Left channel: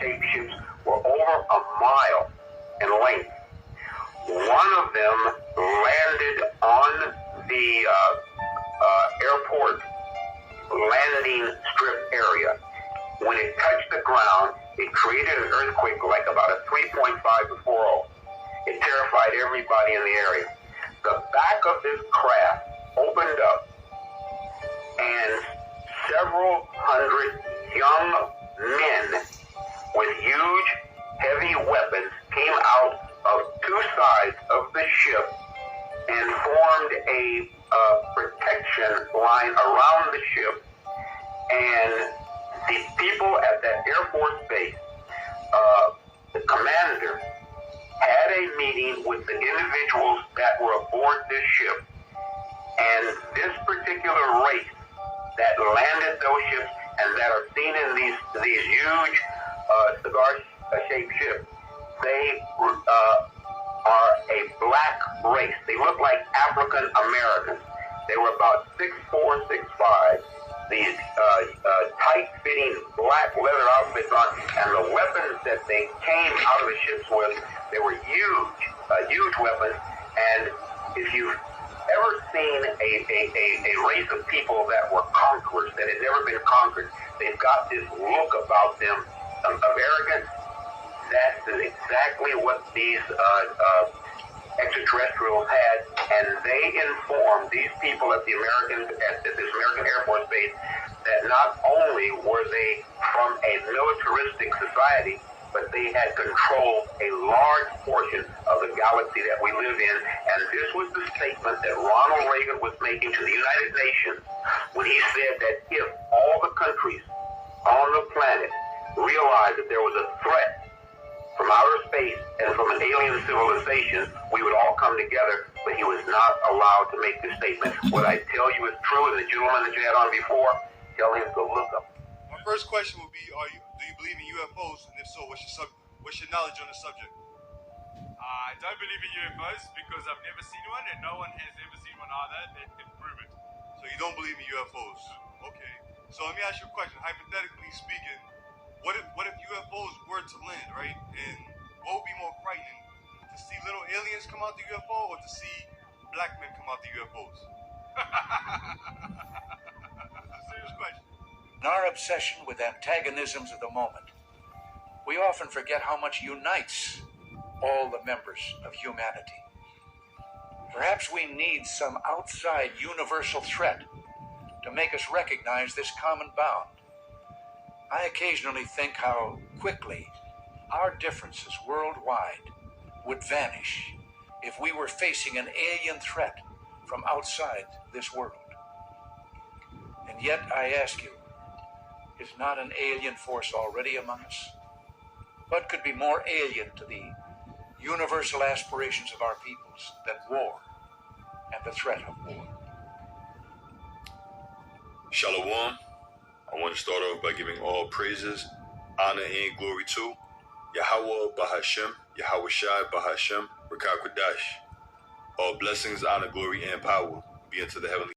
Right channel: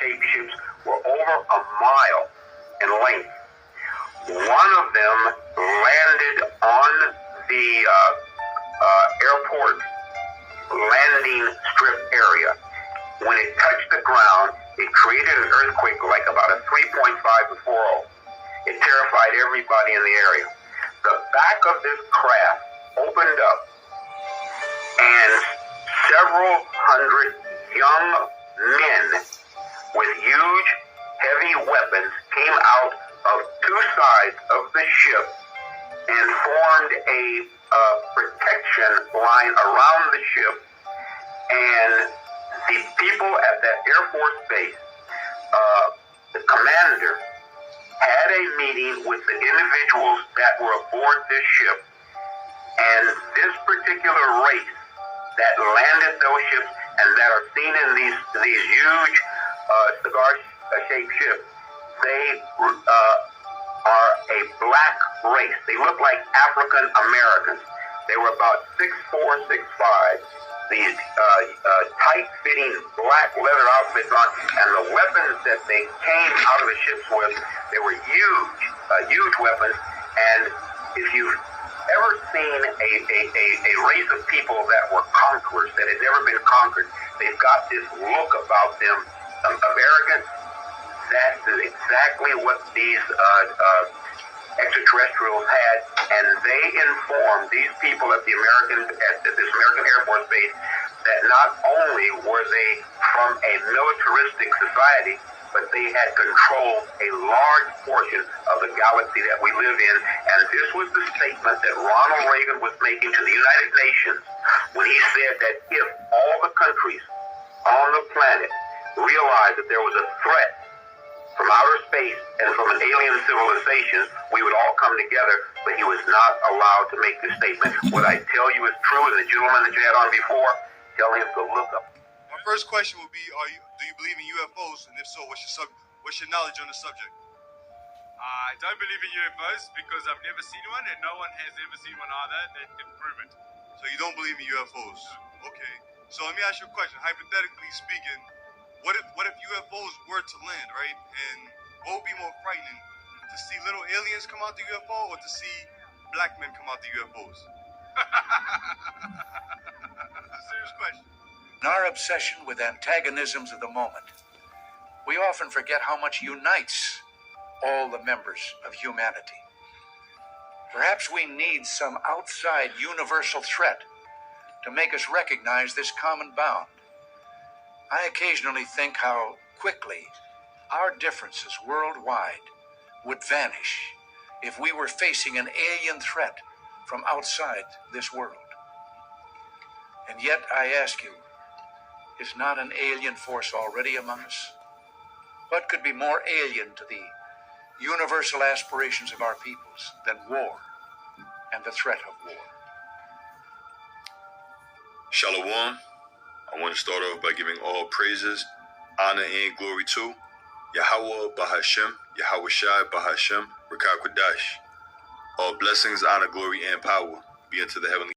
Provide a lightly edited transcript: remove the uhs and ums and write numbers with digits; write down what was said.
shaped ships were over a mile in length. One of them landed on the airport landing strip area. When it touched the ground, it created an earthquake like about a 3.5 to 4.0. It terrified everybody in the area. The back of this craft opened up, and several hundred young men with huge, heavy weapons came out of two sides of the ship and formed a protection line around the ship. And the people at that Air Force base, the commander, had a meeting with the individuals that were aboard this ship, and this particular race that landed those ships and that are seen in these huge cigar-shaped ships, they are a black race. They look like African Americans. They were about 6'4", 6'5". These tight-fitting black leather outfits on, and the weapons that they came out of the ships with, they were huge weapons. And if you've ever seen a race of people that were conquerors, that had never been conquered, they've got this look about them of arrogance. That's exactly what these extraterrestrials had, and they informed these people at this American Air Force base that not only were they from a militaristic society, but they had controlled a large portion of the galaxy that we live in. And this was the statement that Ronald Reagan was making to the United Nations when he said that if all the countries on the planet realized that there was a threat from outer space and from an alien civilization, we would all come together, but he was not allowed to make this statement. What I tell you is true, and the gentleman that you had on before, tell him to look up. My first question would be, do you believe in UFOs? And if so, what's your knowledge on the subject? I don't believe in UFOs because I've never seen one, and no one has ever seen one either that can prove it. So you don't believe in UFOs? Okay. So let me ask you a question. Hypothetically speaking, what if UFOs were to land, right? And what would be more frightening, to see little aliens come out the UFO or to see black men come out the UFOs? Serious question. In our obsession with antagonisms of the moment, we often forget how much unites all the members of humanity. Perhaps we need some outside universal threat to make us recognize this common bound. I occasionally think how quickly our differences worldwide would vanish if we were facing an alien threat from outside this world. And yet, I ask you, is not an alien force already among us? What could be more alien to the universal aspirations of our peoples than war and the threat of war? Shalom. I want to start off by giving all praises, honor, and glory to Yahweh Bahashem, Yahweh Shai Bahashem, Rakah Kodash. All blessings, honor, glory, and power be unto the heavenly